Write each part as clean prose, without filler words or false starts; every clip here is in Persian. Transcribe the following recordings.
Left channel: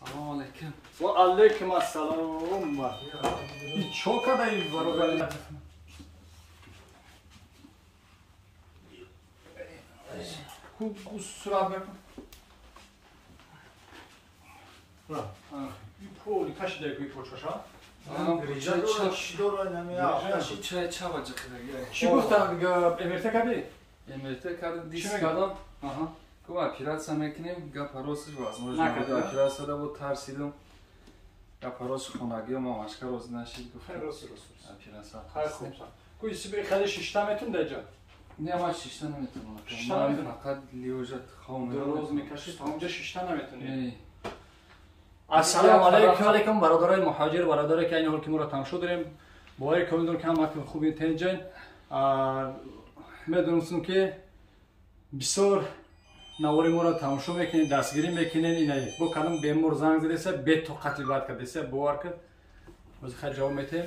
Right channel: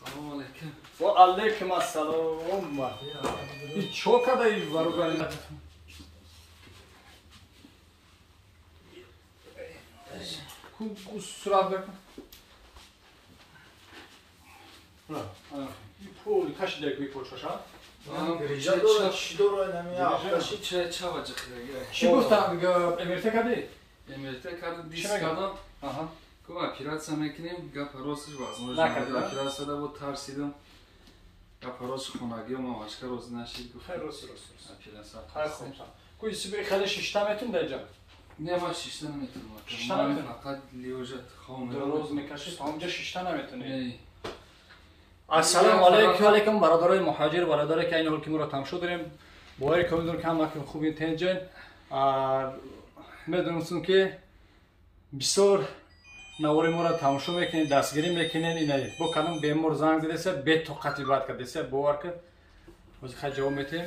سلام علیکم. و علیکم السلام. این چوکا دایی وارو بله. کو سراب بکن. این پول کاش دیگه پول شاشا. چه وجه خیلی؟ چی گفتن امریکا کردی؟ امریکا کردی دیس کردم. کوم اپیراسیا میکنیم گپ روزش واسه نکردم. اپیراسیا رو ترسیدم. گپ روز خونگی و ماشکر روز نشید. خیر روز. اپیراسیا. خیر خوب. کوی سیبری خاله شیشتا میتون درجا. نه ما شیشتا نمیتونم. شیشتا نمیتونم. فقط لیوجت خون. دو روز میکشید تا اونجا شیشتا نمیتونی. السلام علیکم برادرای مهاجر برادرای که این حال که ما رو تماشا داریم باور کنید که هم که خوب اینتنجن میدونستم که بسیار نواری ما رو تماشا میکنین دستگیری میکنین اینه با کدام بیمار زنگ زدیسه به طاقتی بعد کردیسه باور که باز خیلی جواب میتیم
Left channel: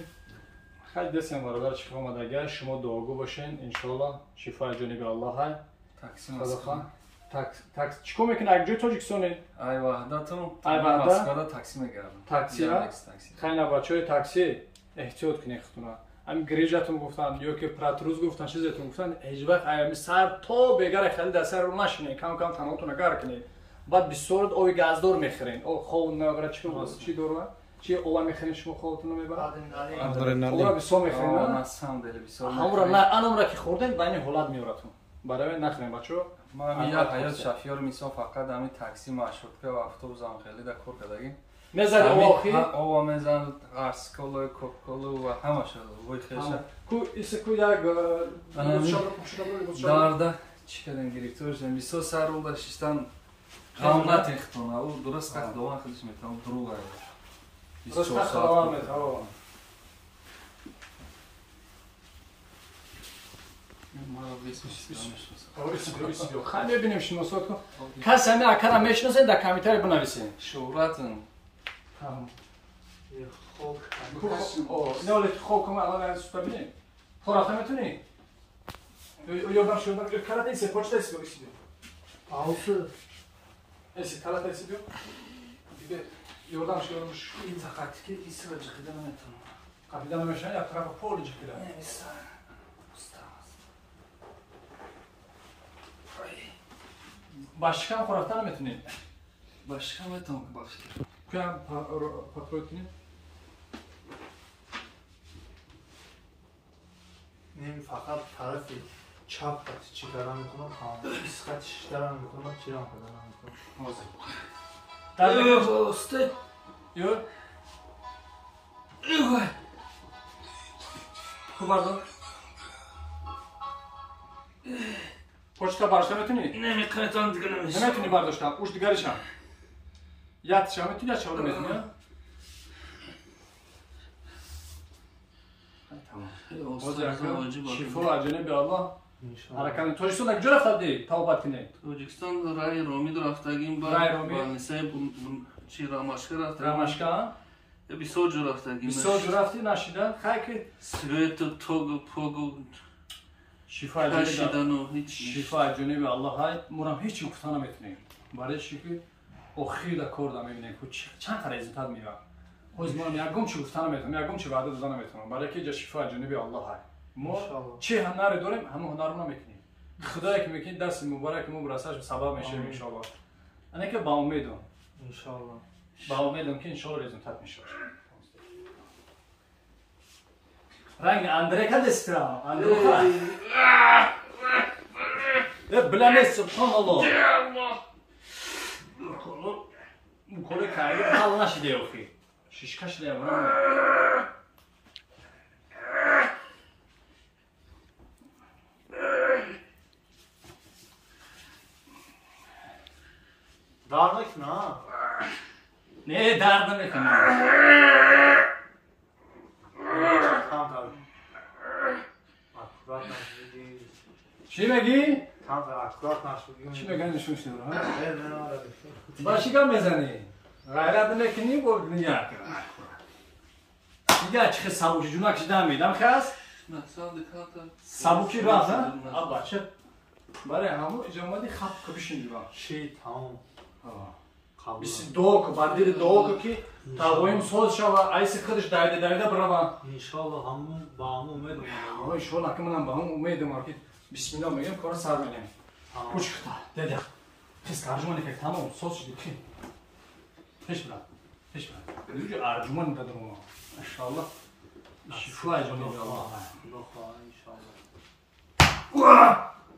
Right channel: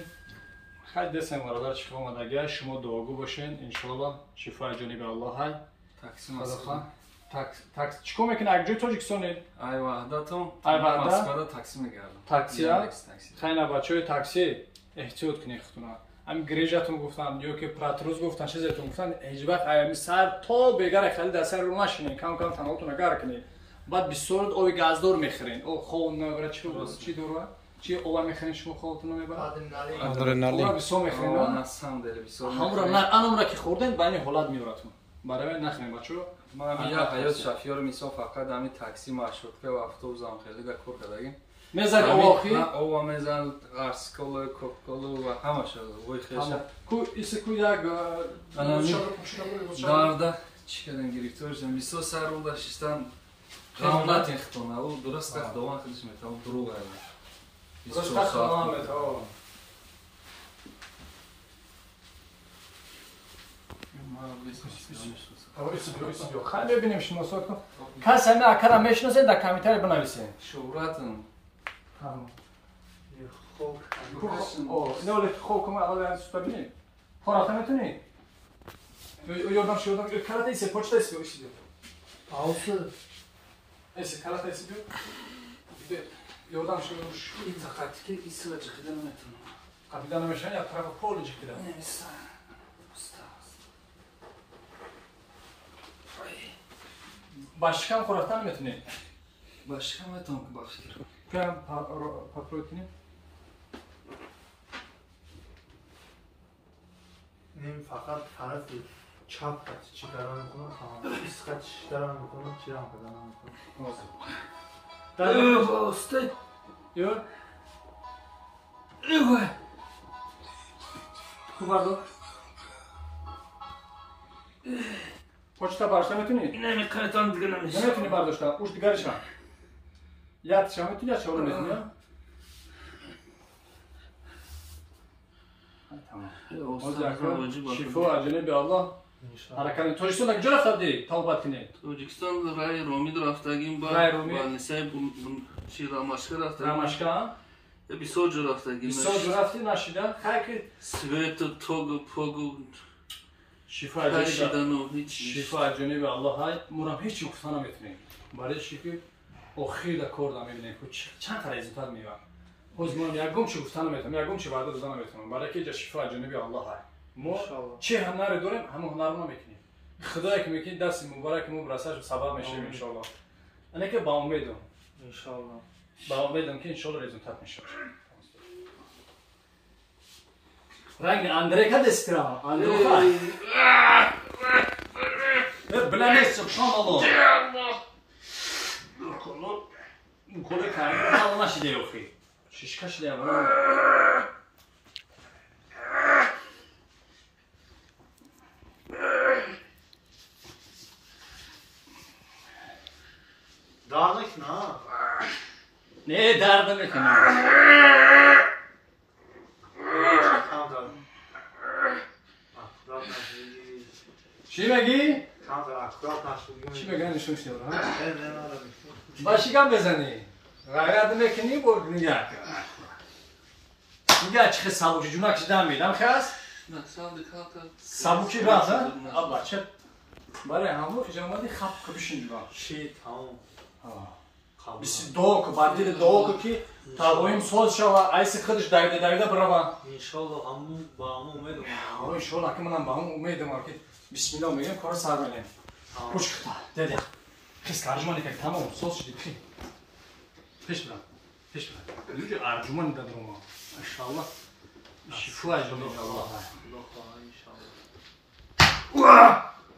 خیلی دستم برادر چیکار اومدگه شما دعاگو باشین ان شاء الله شفای جانب الله های تقسیم تاکس چیکار میکنه اگه تاجیکستانی ای وحدتون ای وحدت مسکن تاکسی میگردم تاکسی ها خیلی بچه‌های تاکسی احتیاط کنید خودتون هم گریجاتون گفتن یا که پراتروز گفتن چیزتون گفتن هیچ وقت ایام سر تا بگر خیلی دست رو نشینین کم کم تنهاتون نگار کنید بعد بسیار اوی گازدور میخرین او خون میبره چی دوره چی اولا میخرین شما خودتون رو میبره آدرنالین بسیار میخرین همون نه انم که خوردن بین حالت میورتون برای نخرین بچه‌ها من یه حیات شفیار میسو فقط همین تاکسی مشروطه و اتوبوس هم خیلی در کار کردیم مزد واقعی او میزان قرصکل کوکل و همه شده وای خیلی کو ایسه کو دا دارده چی کردن گرفتار شدم میسو سر رو داشتن هم نتختونه او درست که دوام خیلیش میتونم دروغ است درست که خلام میتونم خیلی ببینیم شناسات کن کسی همه اکرم میشناسه در کمیتر بنویسیم شهرتون نه ولی خوب کنم اول از سوپر بینیم خورافته میتونی یادم شدم کلات ایسه پاچتا ایسه بگیشید آوسه ایسه کلات ایسه بیو یادم شدم این خطی که ایسه و جخیده نمیتونم قبیده نمیشن یا طرف پول جخیده نمیستن باشکم خورافته نمیتونی باشکم میتونم که باشکر کنم پاپروت کنیم نیم فقط طرف چپ چی کردن میکنم اسکت چی کردن میکنم چی هم کردن میکنم یو باسته یو خوب بردو پوچتا برداشته میتونی؟ نمیکنم دیگه نمیتونی برداشته اوش دیگرش هم یادش هم میتونی یا چه نمیتونی؟ تمام شفا و جانب الله حرکت توجیکستان کجا رفتی توبت کنی توجیکستان رای رومید رفتگیم با نسای چی راماشکا رفتگیم راماشکا بسیار جو رفتگیم بسیار جو رفتی نشیدن خیلی سویت توگو پوگو شفا جانب الله های مرام هیچ گفتن نمیتونیم برای چی که اخیر در کار نمیبینیم چند تا رزیتات میبرم خود ما یکم چی گفتن نمیتونم یکم چی بعد از نمیتونم برای که جا شفا جانب الله های ما چه هنری داریم همون هنر رو نمیکنیم خدایی که میکنه دست مبارک برسش سبب میشه ان شاء الله انا که با امیدم ان شاء الله با امیدم که ان شاء الله رزultat میشه رنگ اندره که دسترا اندره بلانه سبحان الله کلی کاری حال نشده یوخی ششکش لیوان دار نکنه نه درد نکنه چی میگی؟ چی میگی نشون شده باشی کم بزنی غیرت نکنی برد نگه کن نگه چه سبوش جونک شده میدم خست Сабуки раза? Абаче. Баре ҳамо иҷомади хап кабишин дива. Ши тамом. Биси док, бадили док ки тавоим сол шава, айси хидиш дайда брава. Иншаллоҳ ҳамон ба ҳамон умедум. Ой, иншаллоҳ ки манам ба ҳамон умедум ки бисмиллоҳ мегем кора сар менем. Пушкта, деда. Хис арҷумани ки тамом сол шуди пи. Пеш бра. Пеш бра. Юҷи арҷумани дадрума. Иншаллоҳ. Шифо аҷуми Аллоҳ. Иншаллоҳ.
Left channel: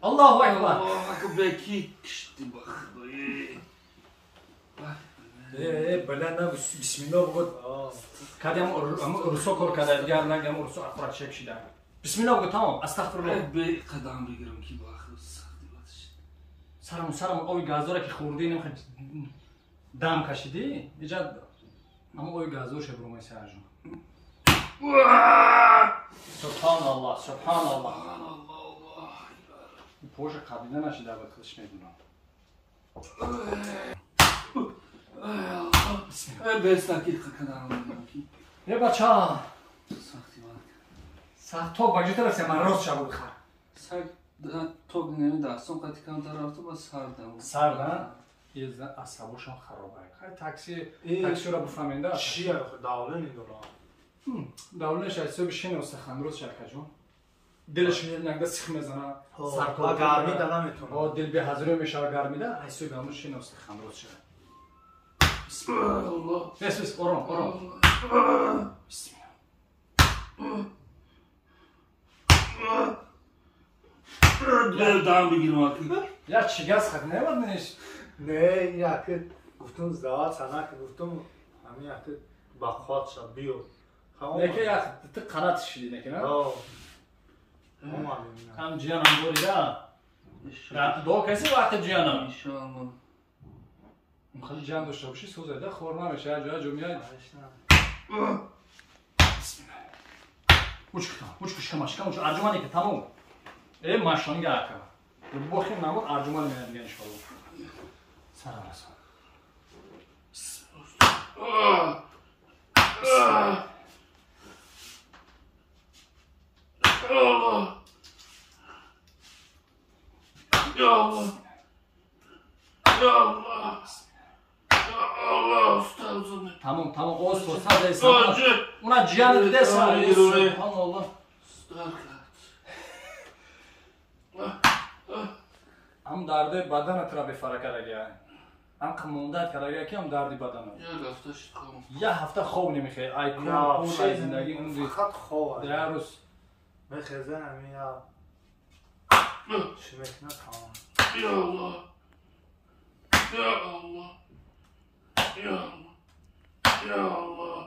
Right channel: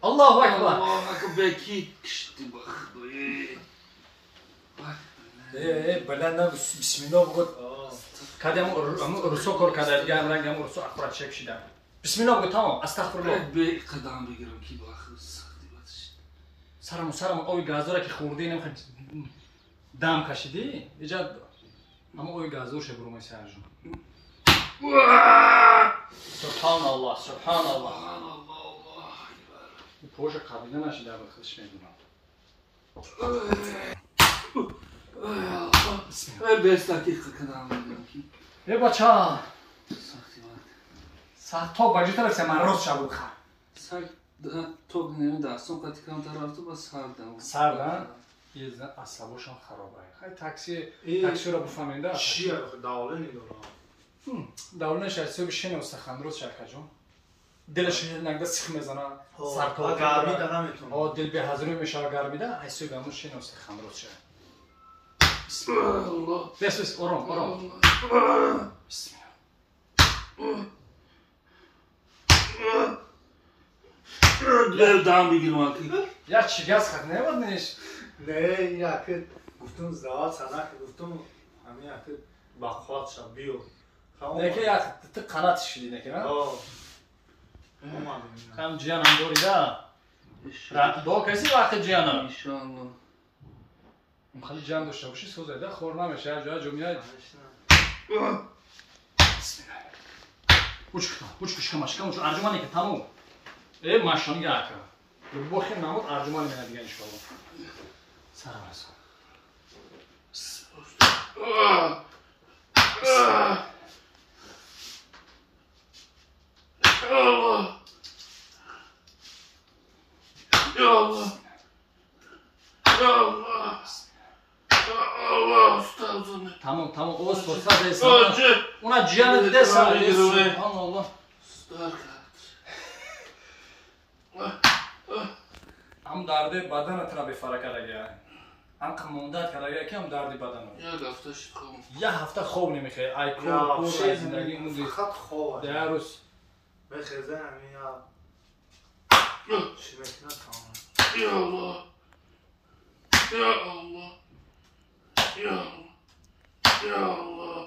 Аллоҳу акбар. Allahu akbar ki kişti bak. Баланда бисмиллоҳ бугӯ. Кадам русо кор када дига ам рангам русо акурат шек шида. Бисмиллоҳ бугӯ тамом. Астағфируллоҳ. Be qadam begiram ki bak. Saxti batish. Сарам ои газдора ки хурди нем дам кашиди. Иҷад ам ои газдор ше бурумай саржум. Субҳаналлоҳ, субҳаналлоҳ. Поша қабида нашида ба худш медунам. Beş dakika kadar begiram ki. Бача. Saxti bak. Сато баҷи тарaf се ман рост шабу бихар. Sar tog nemi daston qatikan tarafta bas sardam. Sarda yezda asabошон харобай. Хай таксиро буфаминда. Шия давлени дора. Давланаш асоби шени устахан рост шаркаҷон. Дилаш иногда сих мезана. Сарто гармида наметонам. О дил беҳазрӯ мешава гармида. Асоби ҳамон шени устахан рост шад. Bismillah. Бес ором. Бисмилла. Dam begiram ki. Я чигас хат немад неш. Не, яке гуфтум здава санак гуфтум ҳамин яке ба хот шаб биё. Неке як ты қанат шиди неке ма? Ҳам Хам ҷиянам дорида. Рат до каси вақти ҷиянам. İnşallah. Хали ҷан дошта боши сӯзайда хор намеша ҷоя ҷумияд. Учкушка машкам уч арҷумани ки тамом. Машони яка. Бохи мамуд арҷумани мена дига иншаллоҳ. Сарамасон. Tamam oz torsa deysan. Una cihanı desen. Subhanallah. Am dardi badan atra befara karagya. Am qamondat karagya ki am dardi badana. Ya hafta khov nemikhe. Ay kur ay zindagi mundi. Faqat khov. Darus. Bexezan ya. Shimekna tamam. Ya Allah. Ya Allah. Ya Allah. Ya Allah.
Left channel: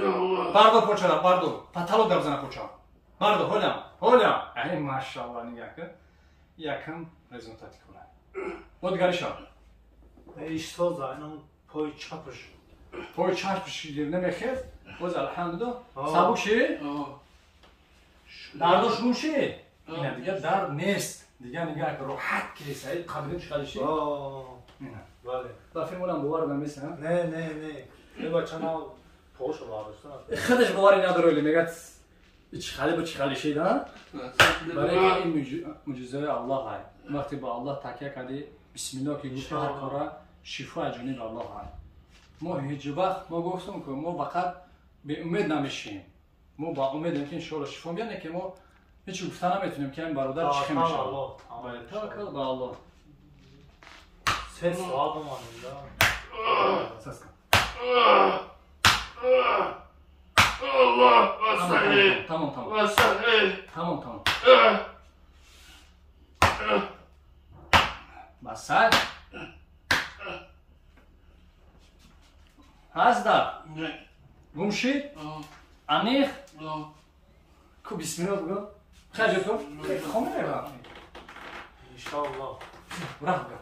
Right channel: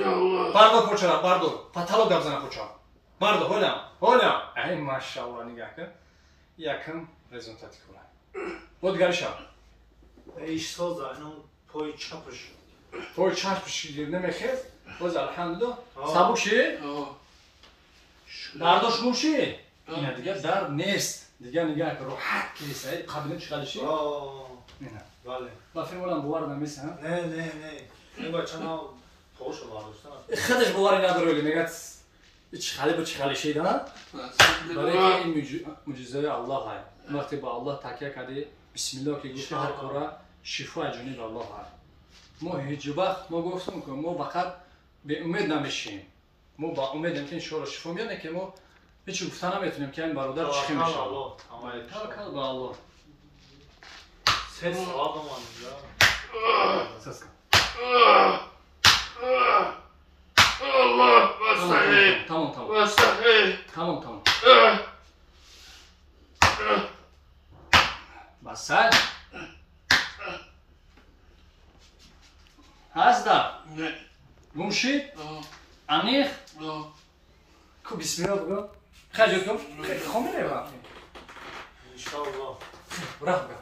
Ya Allah. Bardo pochana, bardo. Patalo dabzana pocha. Bardo, hola. Ay maşallah nigah kın. Yakın rezultat kula. Vod garişa. İş soza, onun poy çapış. Poy çarpış yerine mekhez. Voz elhamdülillah. Sabuk şey. Dardoş bu şey. Ya diğer dar nest. Diğer nigah kı rahat kilise. Kabile çıkarışı. Mina. Vale. Bafin olan bu var da mesela. Ne. Ne bachana poşo varsa. Xadış bu var inadır öyle megat. İçhali şey da. برای این معجزه الله هست. وقتی با الله تکیه کردی بسم الله که گفتی هر کارا شفا جانب الله هست. ما هیچ وقت ما گفتم که ما فقط به امید نمیشیم. ما با امیدیم که ان شاء الله شفا میاد که ما هیچ گفته نمیتونیم که این برادر چی میشه. ولی توکل به الله. Ses aldım ya. Ses kal. Allah vasahi. Tamam. Vasahi. Tamam. Basal. Hasta. Ne? Gumshi. Anih. Ya. Ku bismillah bugün. Xaja kıl. Xomine ba. İnşallah. Bırak be.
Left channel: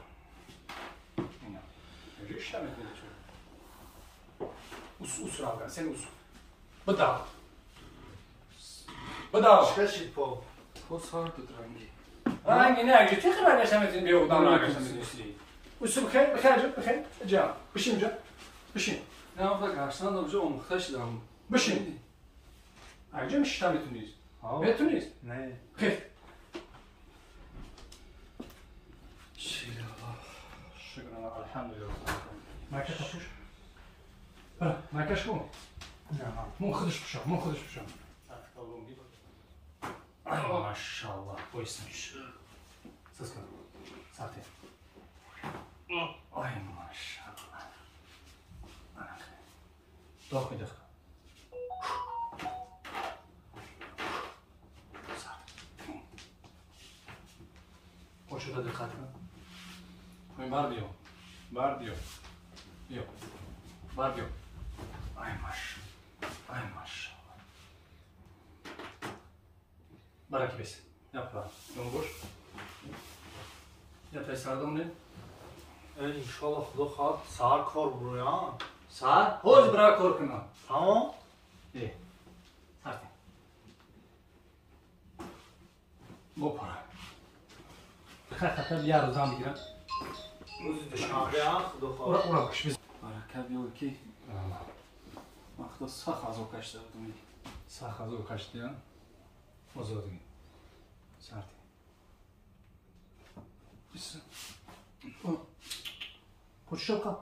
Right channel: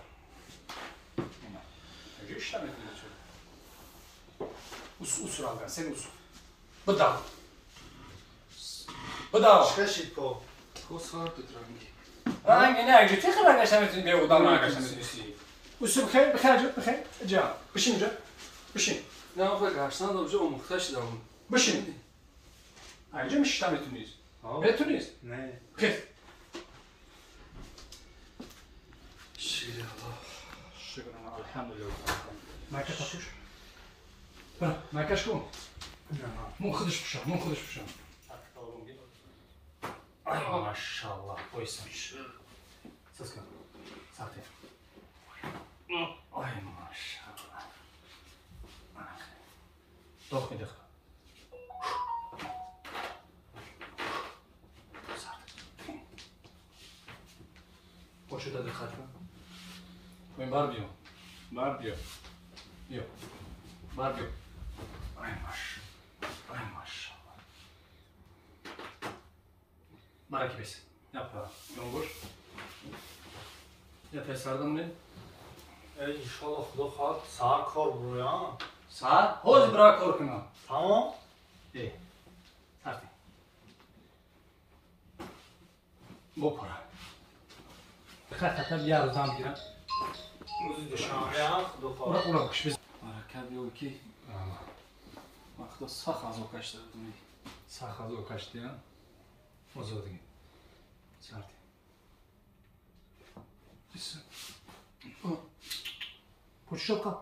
İşte mi konuşuyor? Usul abi, sen usul. Bedava. Çıkaşık po. O saat tutrangi. Hangi ne acı? Tek haber yaşamadın bir odan arkadaşımız. Usul bixer. Can. Bişin. Ne yapacak? Arslan da bize o muhtaç da. Bişin. Ayrıca mı işlem etmiyoruz? بتونی؟ نه خیر شیره شکر الحمدلله مکه تاپوش برو مکش کن من خودش بشم ای ماشاءالله بایستمیش ساز کن ساعته ای ماشاءالله داخل کن باشه داده خط کن پایین بر بیو بر بیو ای ماشاءالله برای کی بیسی yapma جنبش یا تا سردمونه انشالله خدا خواهد ساعت کار برو یا ساعت هوز برای کار کنم تمام سرده بپره بخیر خطر یه روز هم بگیرم روزی دوشنبه هم خدا خواهد اورا بکش بیز برکت بیو کی وقتا سخ از او کشته دادمی سخ از او کشتیان آزادگی سرده بیسو پوچ شب کن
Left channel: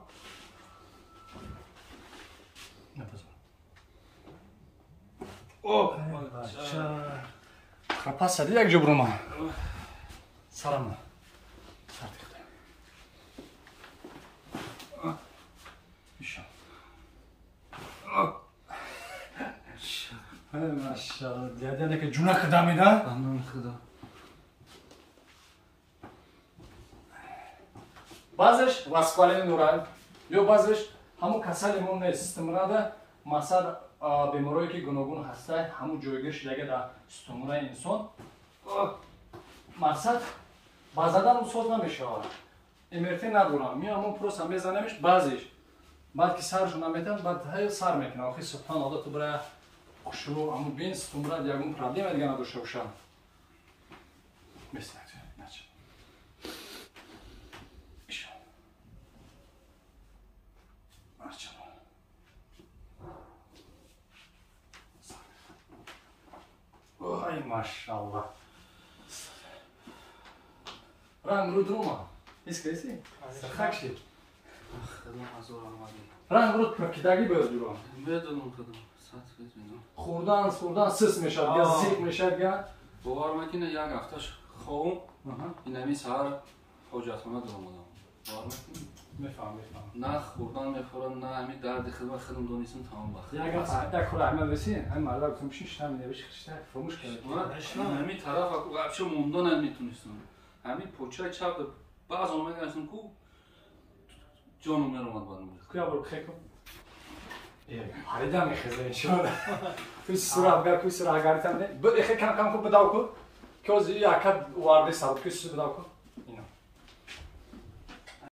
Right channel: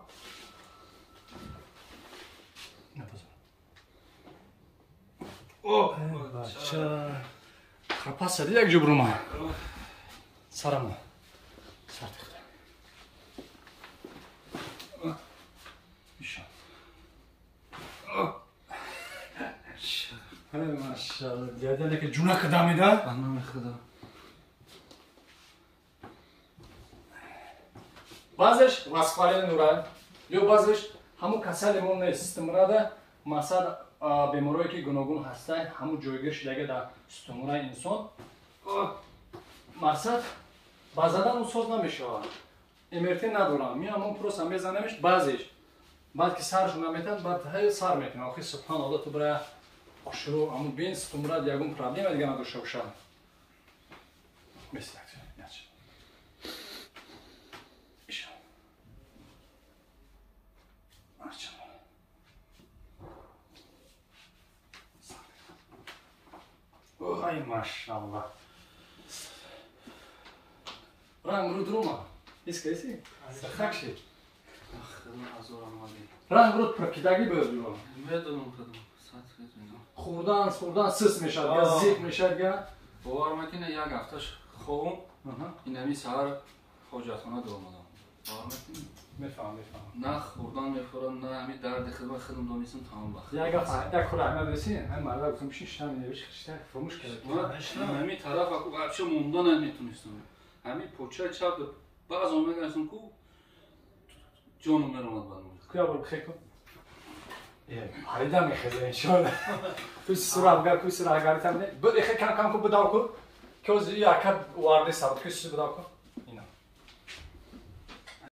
نپذار خپا سدی یک جبرو ما سرم سرده خدا میشم ماشاءالله دیدنه که جونه که دمیده بنام خدا بعضش وصفالی نوران یا بعضش همون کسلیمون نه سیستم راده مثلا بیماریایی که گوناگون هسته همون جایگیر شدگه در سیستم‌های انسان مقصد بازدن اون سوز نمیشه امرتی ندارم میام پروسه میزنمش بعضیش بعد که سرشون نمیتن بعد های سر میکنم آخه سبحان الله تو برای شروع همون بین سیستم را یکون پرابلم دیگه نداشته باشه میشه ای ماشاءالله رنگ رو دروما میسکیسی سرخک شد خدا حضور آمدی رنگ رو پرکیدگی باید دورم میدونم خدا ساعت خیلی خوردن سس میشد یا زیگ میشد یا باور مکنه یک هفتهش خوام این همی سهر حاجتخانه دارم باور مکنه میفهم نه خوردن میخورن نه همی درد خودم دانیستم تمام بخت یک هفته یک خوره احمد رسین هم مرد گفتم بشین شب نویش خشتر فراموش کرد همی طرف اکو وابشه موندن نمیتونستم همی پوچه چپ بعض اومد گفتم کو جانم میرمد بنو کیا برو خیلی کن پریدم میخزه انشالله توی سور افگار تنده خیلی کم کم کن بداو کن که از یک وارده سبب که سوی بداو کن اینا